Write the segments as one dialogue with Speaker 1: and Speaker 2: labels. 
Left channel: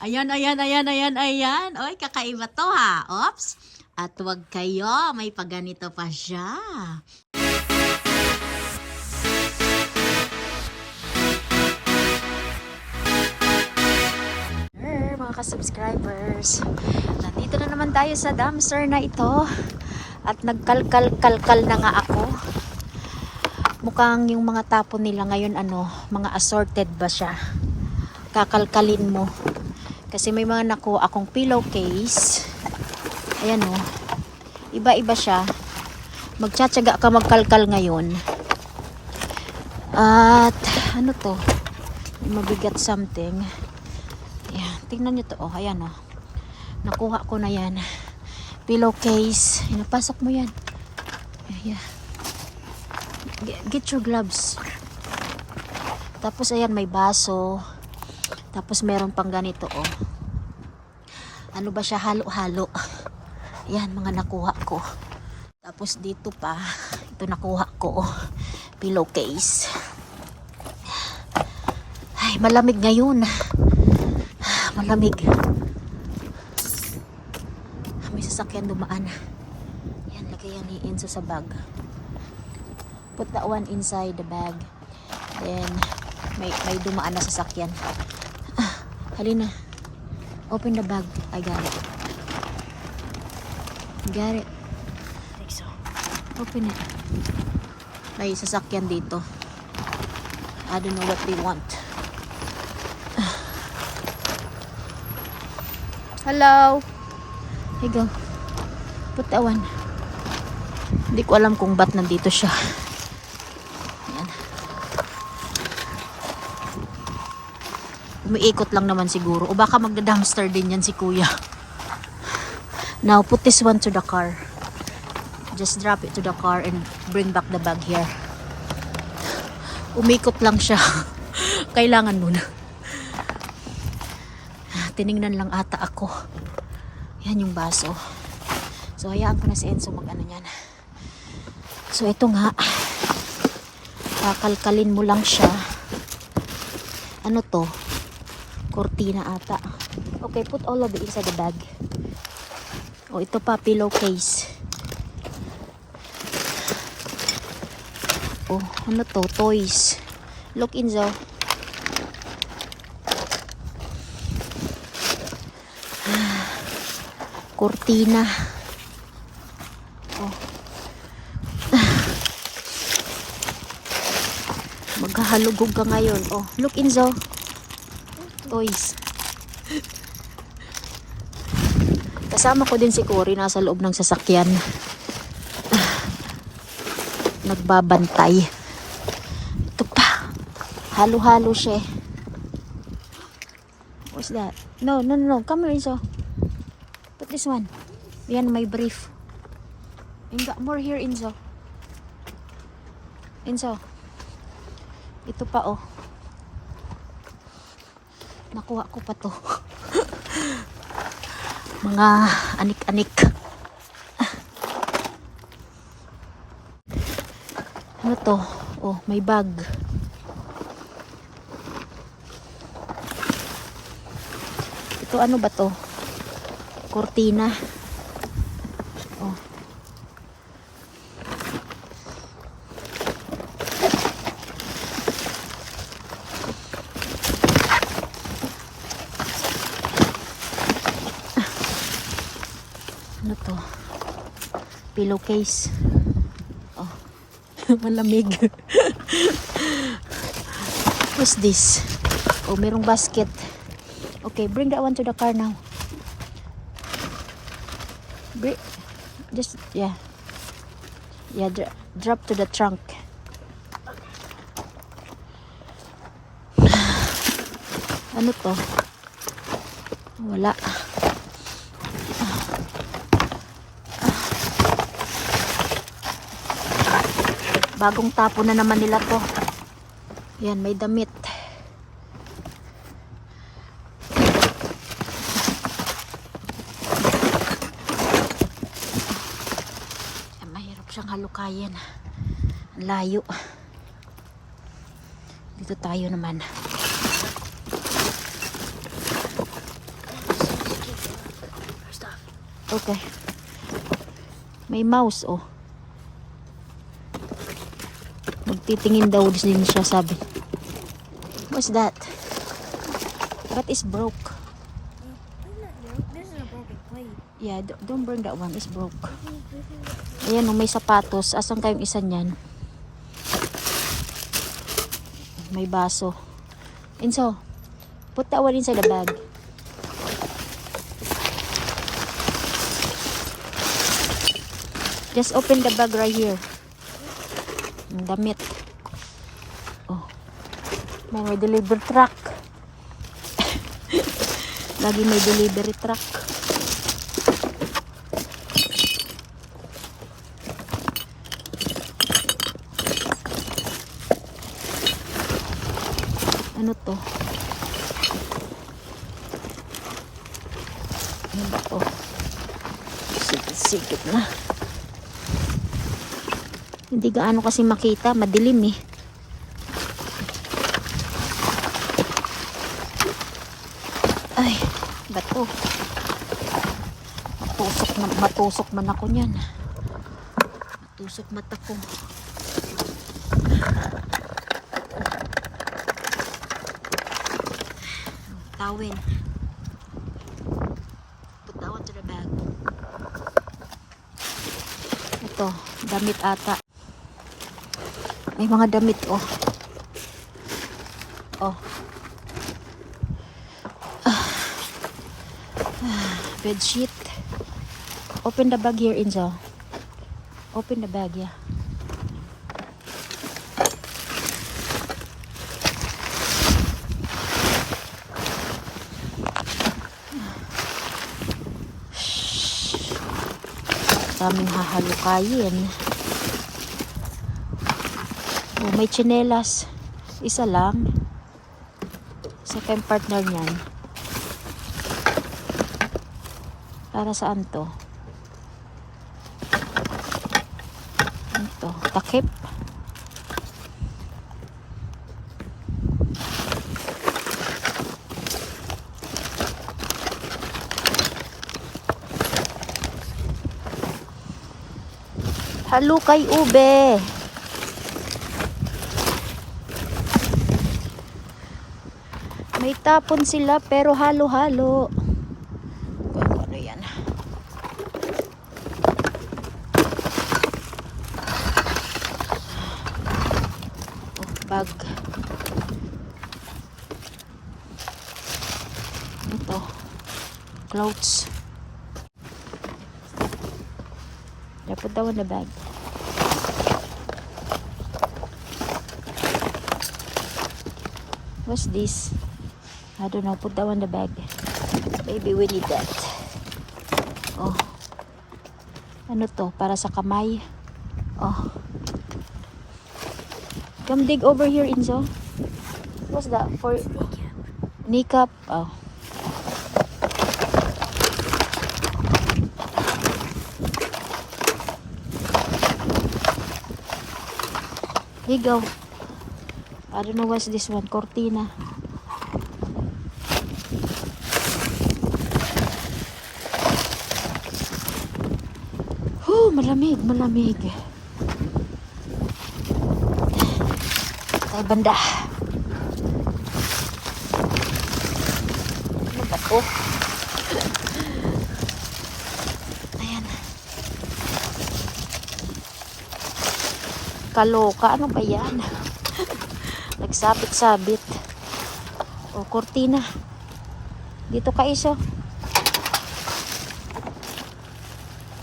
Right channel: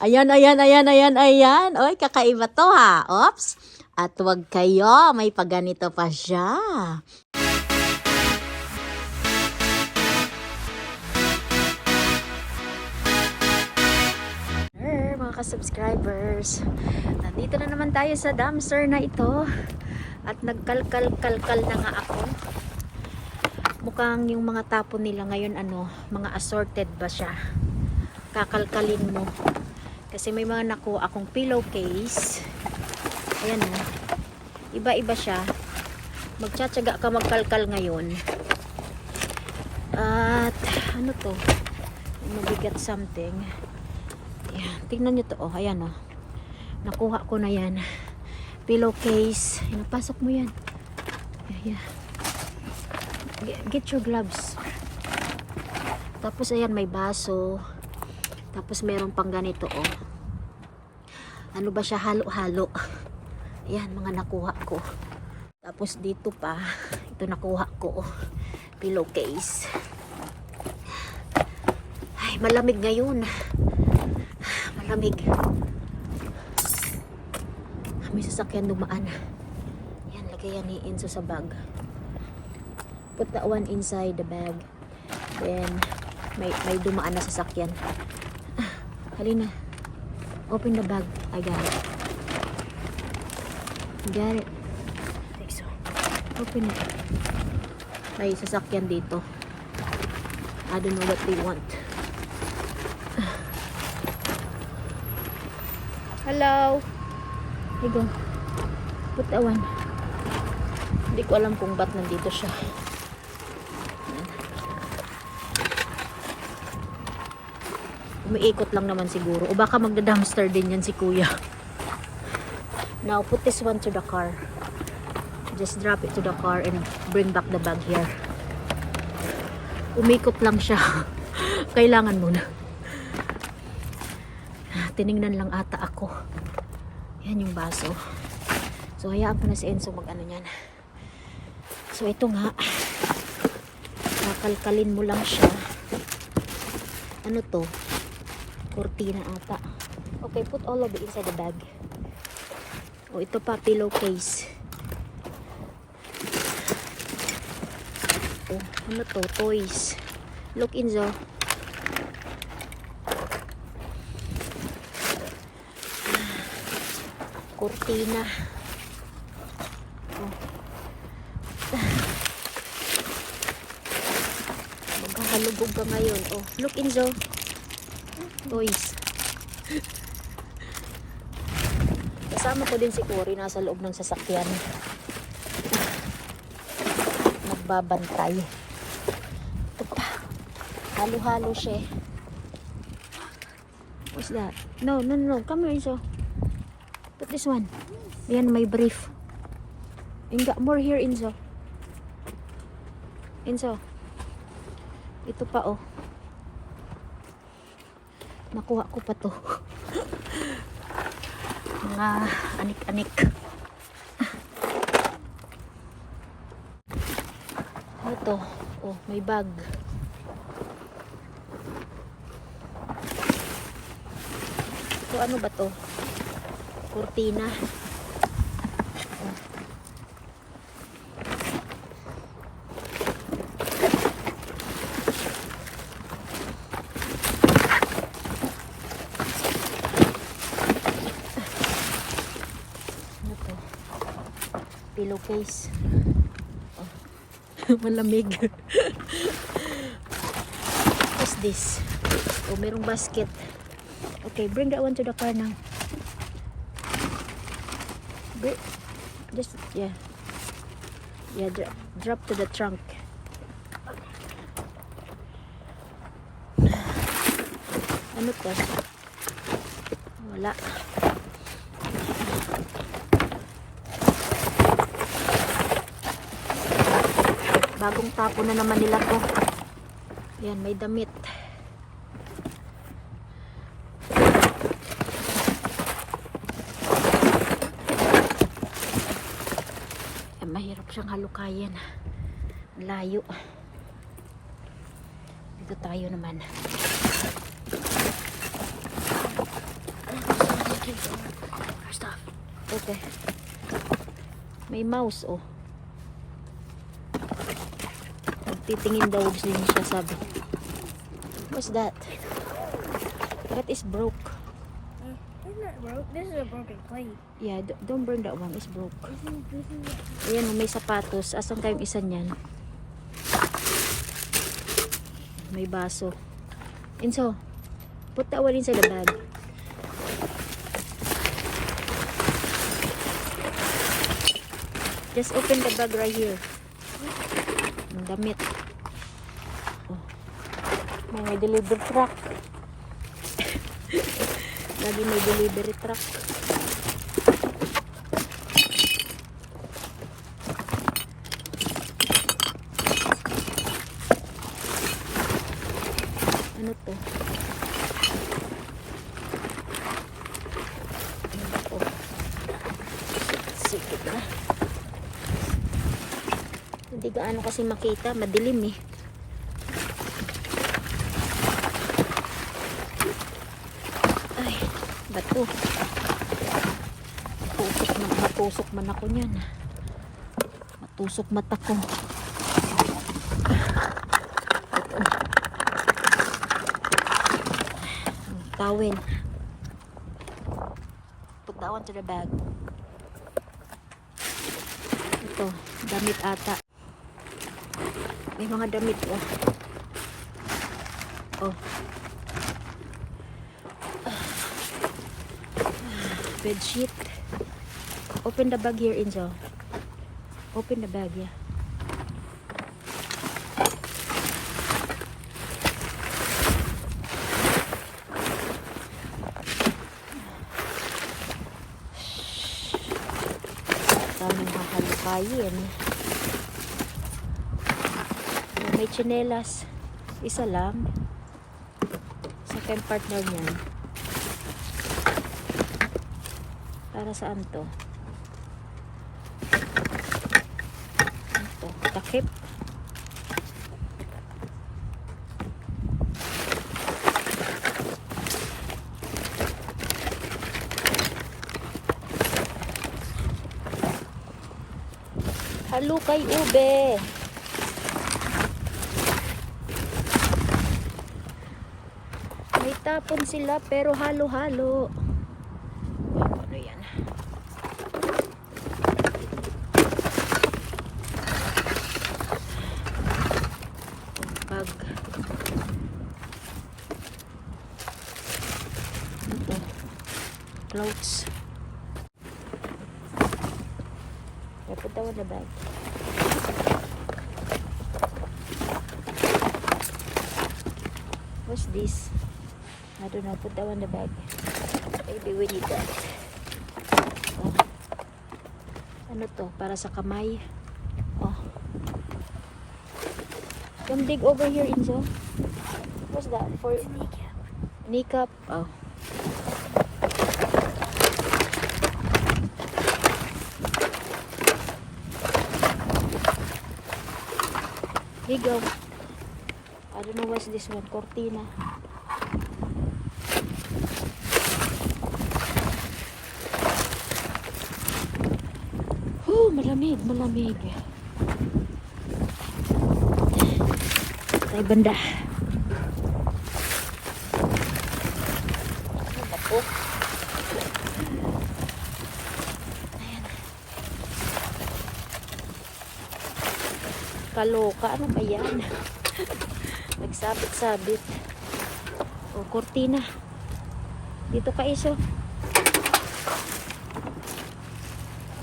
Speaker 1: Ayan, ayan, ayan, ayan, ayan. Oy, kakaiba to ha. Oops. At wag kayo, may paganito pa siya. Mga ka-subscribers. Nandito na naman tayo sa dumpster na ito. At nagkalkal-kalkal na nga ako. Mukhang yung mga tapon nila ngayon ano, mga assorted ba siya. Kakalkalin mo. Kasi may mga nakuha akong pillowcase. Ayan o. Iba-iba siya. Magtsatsaga ka magkalkal ngayon. At ano to? Mabigat something. Ayan, tingnan nyo to. Oh, ayan oh. Nakuha ko na yan. Pillowcase. Inapasok mo yan. Ayan. Get your gloves. Tapos ayan, may baso. Tapos meron pang ganito oh. Ano ba siya? Halo-halo. Ayan, mga nakuha ko. Tapos dito pa, ito nakuha ko. oh. Pillowcase. Ay, malamig ngayon. Malamig. May sasakyan dumaan. Yan, lagay yan ni Enzo sa bag. Put that one inside the bag. Then, may, may dumaan na sasakyan. Halina. Open the bag. I got it. Got it. Like so. Open it. May sasakyan dito. I don't know what they want. Hello. Here you go. Put that one. Hindi ko alam kung ba't nandito siya. Ayan. Umiikot lang naman siguro. O baka magda-dumpster din yan si kuya. Now, put this one to the car. Just drop it to the car and bring back the bag here. Umikot lang siya. Kailangan muna. Tiningnan lang ata ako. Yan yung baso. So, hayaan ko na si Enzo mag-ano yan. So, ito nga. Kakalkalin mo lang siya. Ano to? Cortina ata. Okay, put all of it inside the bag. O, ito pa, pillowcase. Oh, ano to? Toys. Look, Enzo. Cortina. Oh. Maghahalugog ka ngayon. Oh, look Enzo. Toys. Kasama ko din si Cory nasa loob ng sasakyan. Nagbabantay. Ito pa. Halo-halo siya. eh. What's that? No, no, no, no. Come here, Enzo. Put this one. Yan, may brief. And got more here, Enzo. Enzo. Ito pa, oh. Nakuha ko pa to. Mga anik-anik. Ano to? Oh, may bag. Ito ano ba to? Cortina. Oh. Ano to? Pillowcase. Oh. Malamig. What's this? Oh, merong basket. Okay, bring that one to the car now. Bri- just yeah yeah dra- drop to the trunk ano to wala bagong tapo na naman nila to. Yan may damit. Yan, mahirap siyang halukayan. Ang layo. Dito tayo naman. Okay. May mouse oh. Nagtitingin daw din siya, sabi. What's that? That is broke.
Speaker 2: This is a broken plate.
Speaker 1: Yeah, don't burn that one. It's broke. Ayan, oh, may sapatos. Asan kayong isa niyan? May baso. Inso, put that one inside the bag. Just open the bag right here. Damit. May, may delivery truck. Lagi may delivery truck. Ano to? Ano ba to? Sikit-sikit na. Hindi gaano kasi makita. Madilim eh. Ay, bato. Matusok, man ako niyan. Matusok mata ko. That one to bag. Ito, damit ata. May mga damit, oh. Oh. Ah. Ah, Bed sheet. Open the bag here, Inzo. Open the bag, yeah. daming hahalukayin. Oh, may tsinelas. Isa lang. Sa kayong partner niyan. Para saan to? Takip. Halukay ube. May tapon sila pero halo-halo. Uy, ano yan? Bag. Ito. That one in the bag. What's this? I don't know. Put that one in the bag. Maybe we need that. Oh. Ano to? Para sa kamay. Oh. Come dig over here, Inzo. What's that? For kneecap. Oh. Here you go. I don't know what's this one. Cortina. Whew, malamig, malamig. Tay banda. Ano ba to? Kaloka, ano ba yan? Nagsabit-sabit. O, kortina. Dito ka, Iso.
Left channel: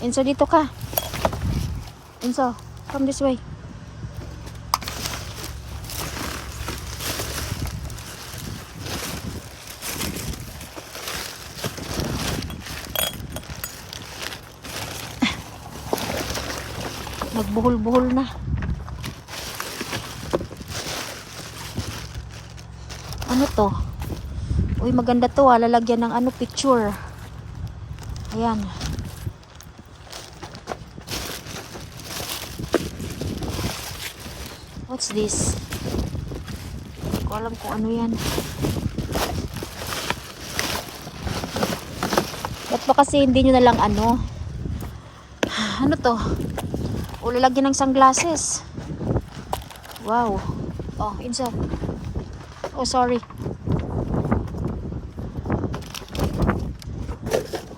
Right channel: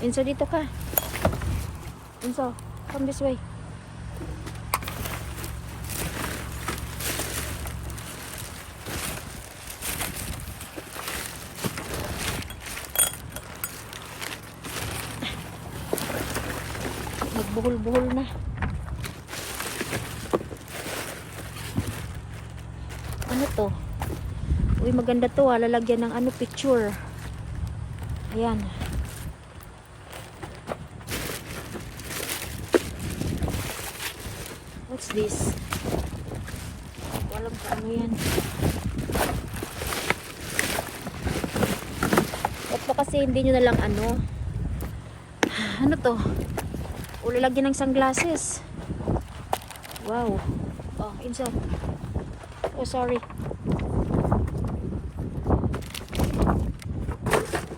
Speaker 1: Enzo, dito ka. Enzo, come this way. Nagbuhol-buhol na. Ano to? Uy, maganda to ah. Lalagyan ng ano, picture. Ayan. What's this? Hindi ko alam kung ano yan. What Baka kasi hindi nyo na lang ano. Ano to? O lalagyan ng sunglasses. Wow. Oh, insa. Oh, sorry.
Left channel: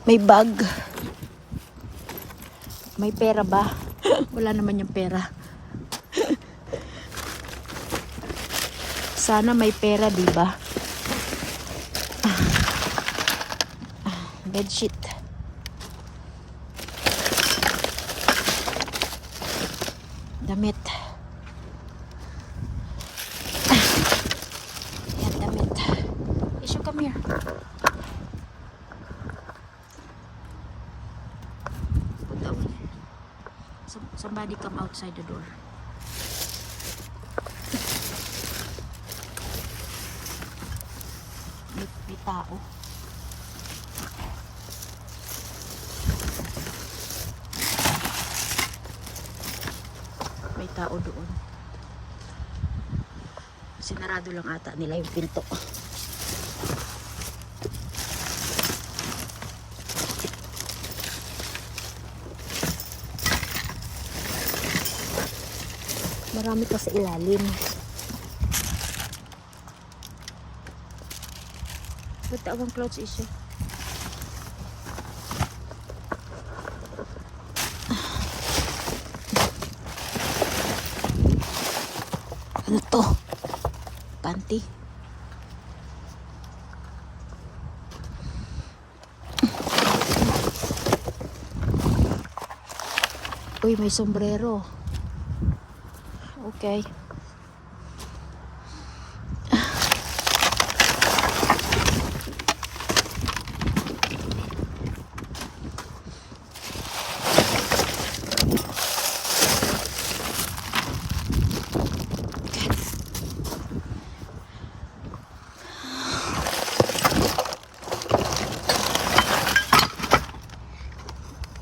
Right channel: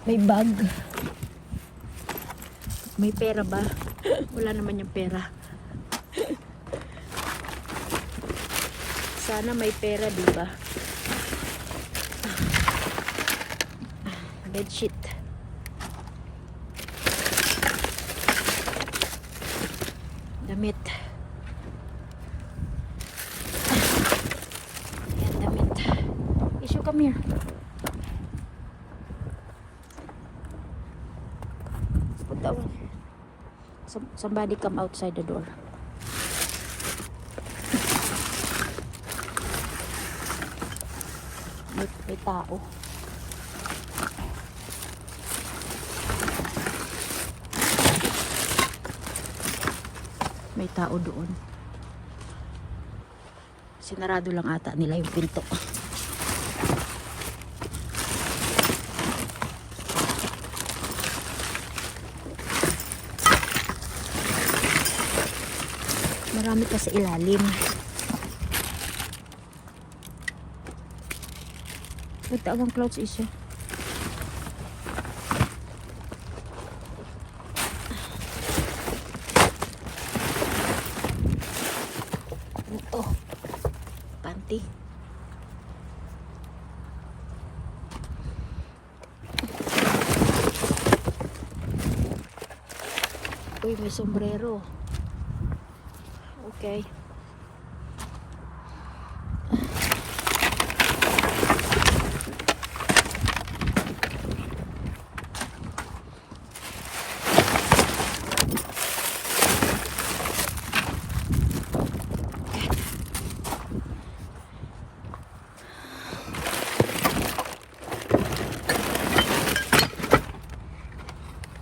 Speaker 1: May bag. May pera ba? Wala naman yung pera. Sana may pera, di ba? Ah. Ah, bedsheet. Damit. Yan, damit. Issue, come here. Put that one. Some- Somebody come outside the door. May, may tao. May tao doon. Sinarado lang ata nila yung pinto. Marami pa ilalim. Ito ang clouds isa. Ano to? Panty. Uy, may sombrero. Okay.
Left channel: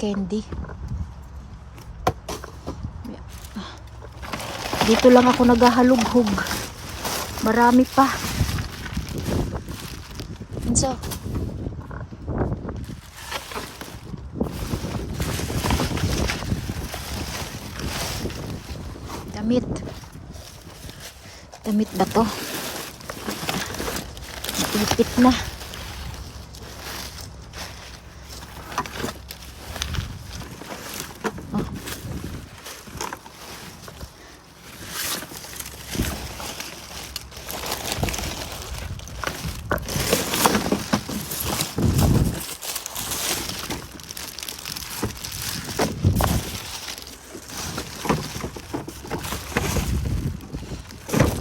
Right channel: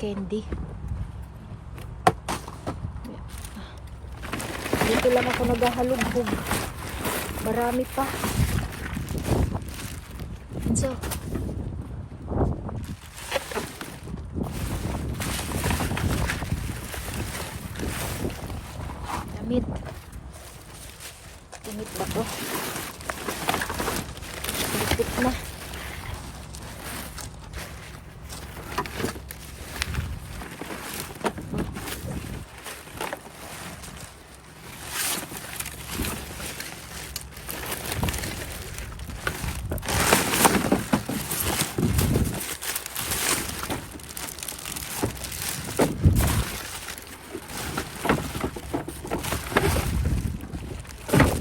Speaker 1: Candy. Dito lang ako naghahalughog. Marami pa. Inso. Damit. Damit ba to? Lipit na.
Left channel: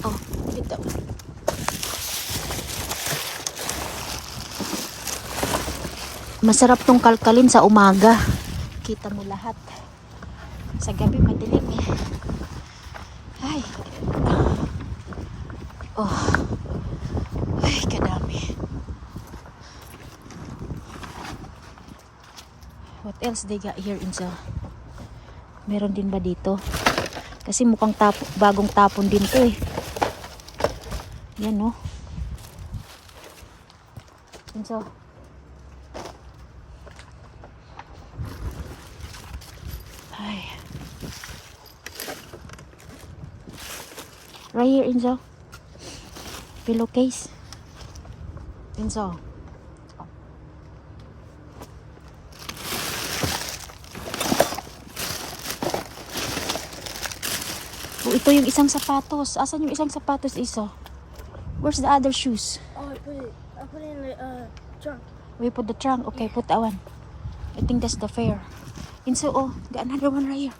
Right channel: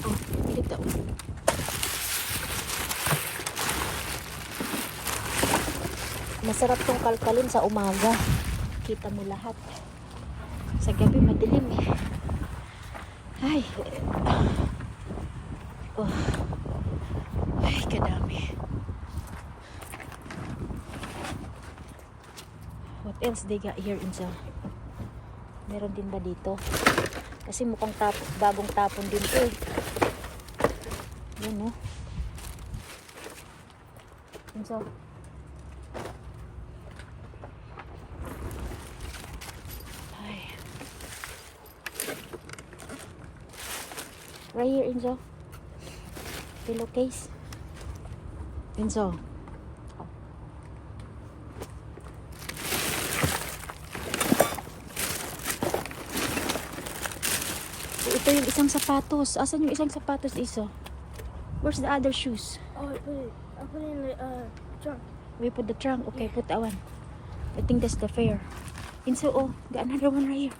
Speaker 1: Oh, dito. Masarap tong kalkalin sa umaga. Kita mo lahat. Sa gabi madilim eh. Ay. Oh. Ay, kadami. What else they got here in sa... Meron din ba dito? Kasi mukhang tap bagong tapon din to eh. Yan no. Inso. Right here, Inzo. Pillowcase. Inzo. Oh. Oh, ito yung isang sapatos. Asan yung isang sapatos, Iso? Where's the other shoes?
Speaker 2: Oh, I put it. I put it in the uh, trunk.
Speaker 1: We put the trunk. Okay, put that one. I think that's the fair. Inso, oh, got another one right here.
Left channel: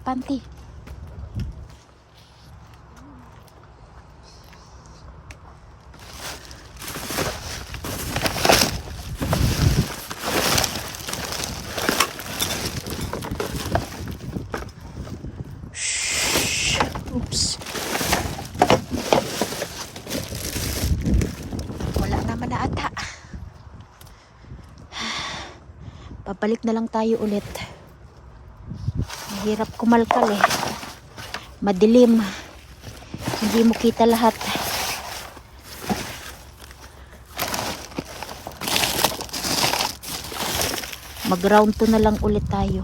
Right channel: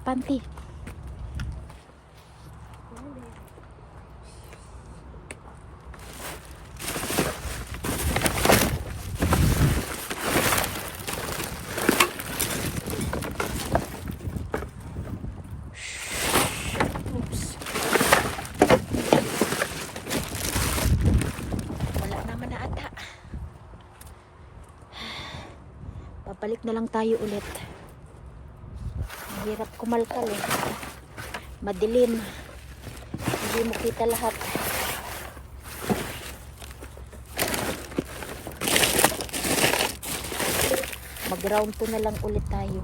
Speaker 1: Panty. Shh. Oops. Wala naman na ata. Babalik na lang tayo ulit. Mahirap kumalkal eh. Madilim. Hindi mo kita lahat. Mag-round 2 na lang ulit tayo.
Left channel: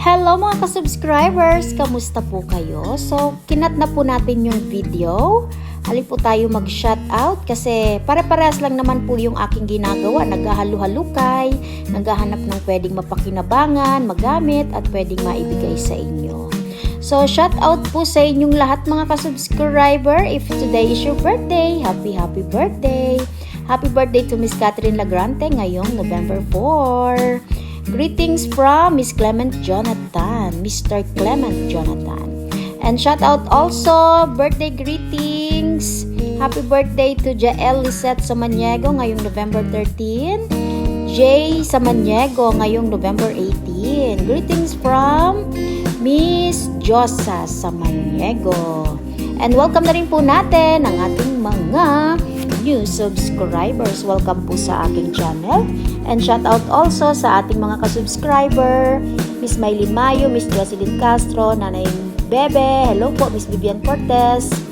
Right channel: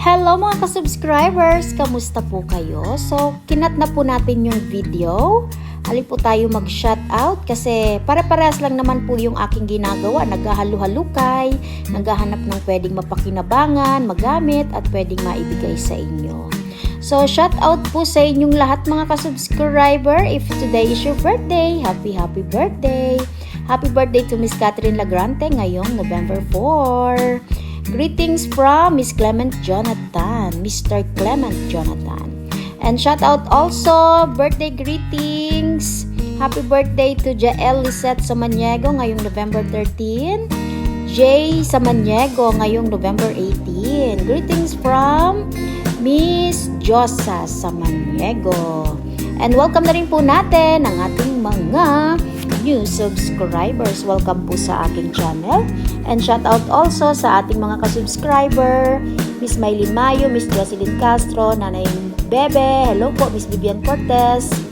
Speaker 1: Hello mga ka-subscribers! Kamusta po kayo? So, kinat na po natin yung video. Halip po tayo mag-shoutout kasi pare-parehas lang naman po yung aking ginagawa. Naghahalu-halukay, naghahanap ng pwedeng mapakinabangan, magamit at pwedeng maibigay sa inyo. So, shoutout po sa inyong lahat mga ka-subscriber. If today is your birthday, happy happy birthday! Happy birthday to Miss Catherine Lagrante ngayong November 4. Greetings from Miss Clement Jonathan, Mr. Clement Jonathan. And shout out also, birthday greetings. Happy birthday to Jael Lisette Samaniego ngayong November 13. Jay Samaniego ngayong November 18. Greetings from Miss Josa Samaniego. And welcome na rin po natin ang ating mga new subscribers. Welcome po sa aking channel. And shout out also sa ating mga ka-subscriber, Miss Maylin Mayo, Miss Jocelyn Castro, Nanay Bebe, hello po, Miss Vivian Cortez,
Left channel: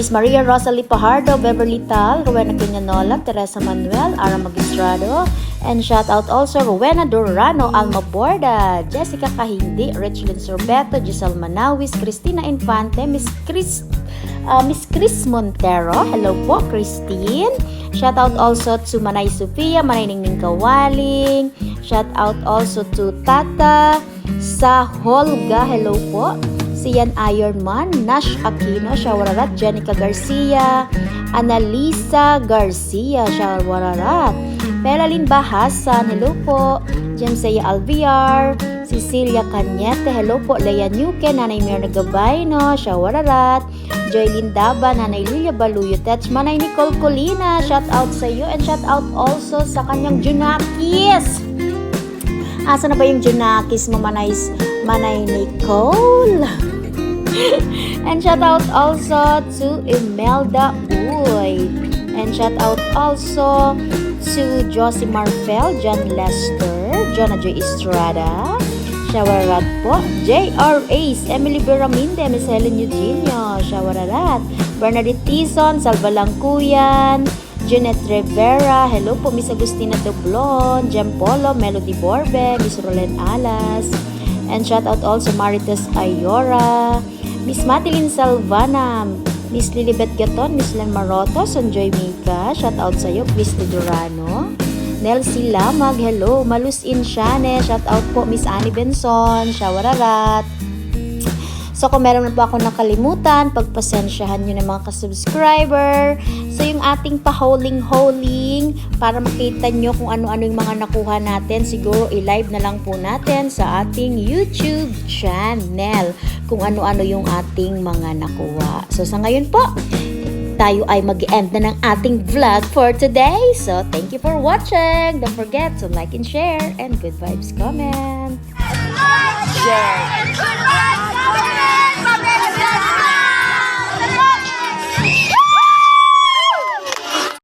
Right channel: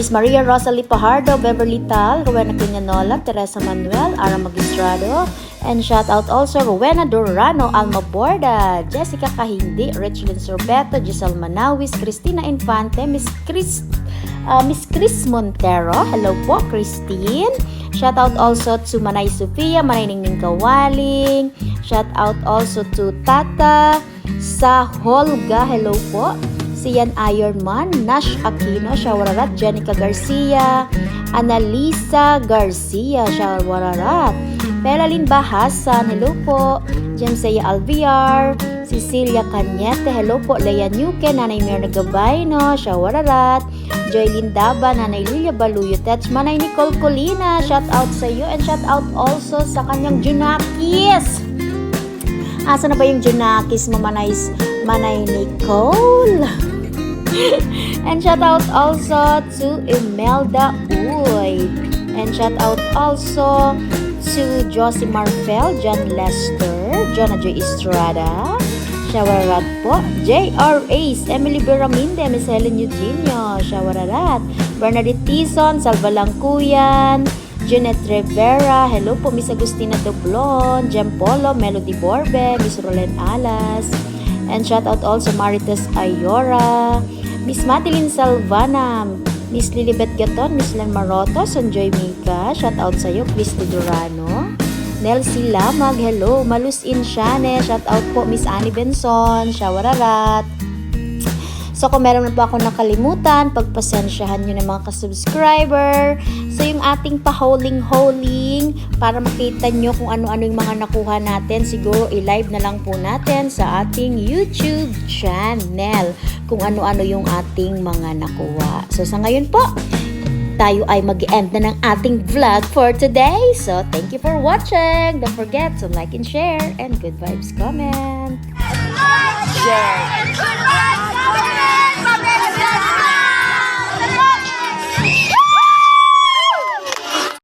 Speaker 1: Miss Maria Rosalie Pajardo, Beverly Tal, Rowena Quinanola, Teresa Manuel, Ara Magistrado, and shout out also Rowena Durano, Alma Borda, Jessica Kahindi, Richlyn Sorbeto, Giselle Manawis, Cristina Infante, Miss Chris uh, Miss Chris Montero. Hello po, Christine. Shout out also to Manay Sofia, Manay Ningning Kawaling. Shout out also to Tata sa Holga. Hello po. Si Yan Ironman, Nash Aquino, Shawararat, Jenica Garcia, Annalisa Garcia, Shawararat, Pelalyn Bahasan, hello po, Jemsea Alviar, Cecilia Cañete, hello po, Leia Nuke, Nanay Mirna Gabayno, Shawararat, Joylyn Daba, Nanay Lilia Baluyo, Tets, Manay Nicole Colina, shout out sa iyo and shout out also sa kanyang Junakis. Asa na ba yung Junakis mo, Manay, Manay Nicole? and shout out also to Imelda Uy. And shout out also to Josie Marfel, John Lester, Jonah Joy Estrada, Shawararat po, J.R. Ace, Emily Beraminde, Miss Helen Eugenio, Shawararat, Bernadette Tison, Salva Jeanette Rivera, hello po Miss Agustina Doblon, Jem Polo, Melody Borbe, Miss Rolen Alas, and shout out also Marites Ayora, Miss Madeline Salvana, Miss Lilibet Gaton, Miss Len Maroto, Sanjoy Mika, shout out sa iyo, Christy Durano, Nelsie Lamag, hello, Malus Insyane, shout out po Miss Annie Benson, Shawararat. So kung meron na po ako nakalimutan, pagpasensyahan nyo ng mga ka-subscriber. So yung ating pa-holing-holing, para makita nyo kung ano-ano yung mga nakuha natin, siguro i-live na lang po natin sa ating YouTube channel kung ano-ano yung ating mga nakuha. So sa ngayon po, tayo ay mag-end na ng ating vlog for today. So, thank you for watching. Don't forget to like and share and good vibes comment.
Speaker 3: share,